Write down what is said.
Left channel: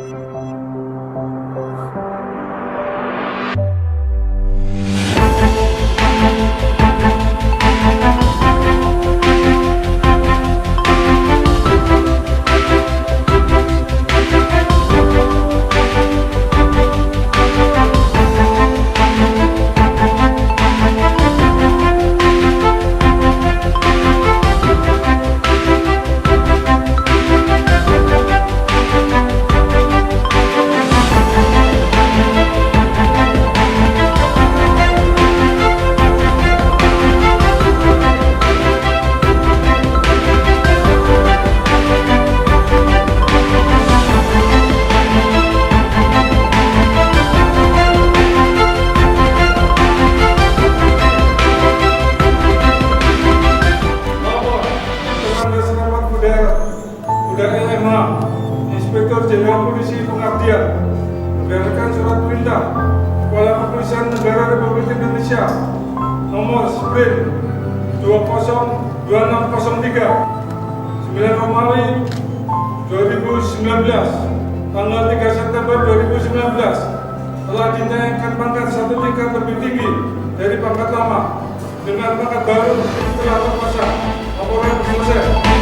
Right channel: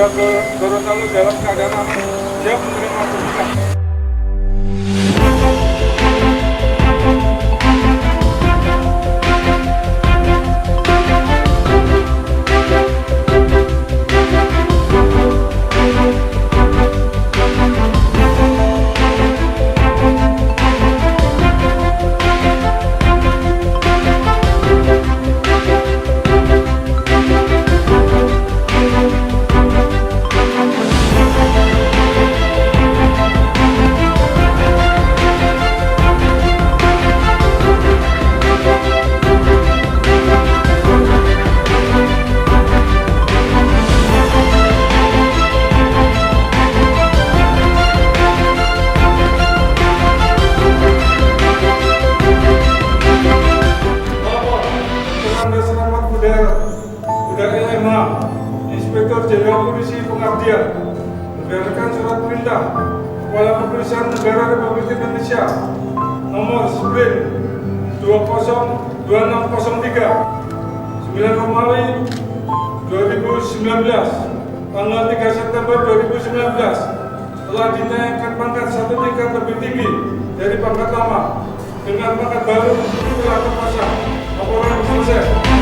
Polda Gorontalo dalam keadaan aman siap menerima tugas. Udara LMH, Inspektur Jenderal Polisi Pengabdian, berdasarkan surat perintah Kepala Kepolisian Negara Republik Indonesia nomor Sprint 202603 9 Romawi 2019 tanggal 3 September 2019 telah dinaikkan pangkat satu tingkat lebih tinggi dari pangkat lama dengan pangkat baru telah terpasang. Laporan selesai.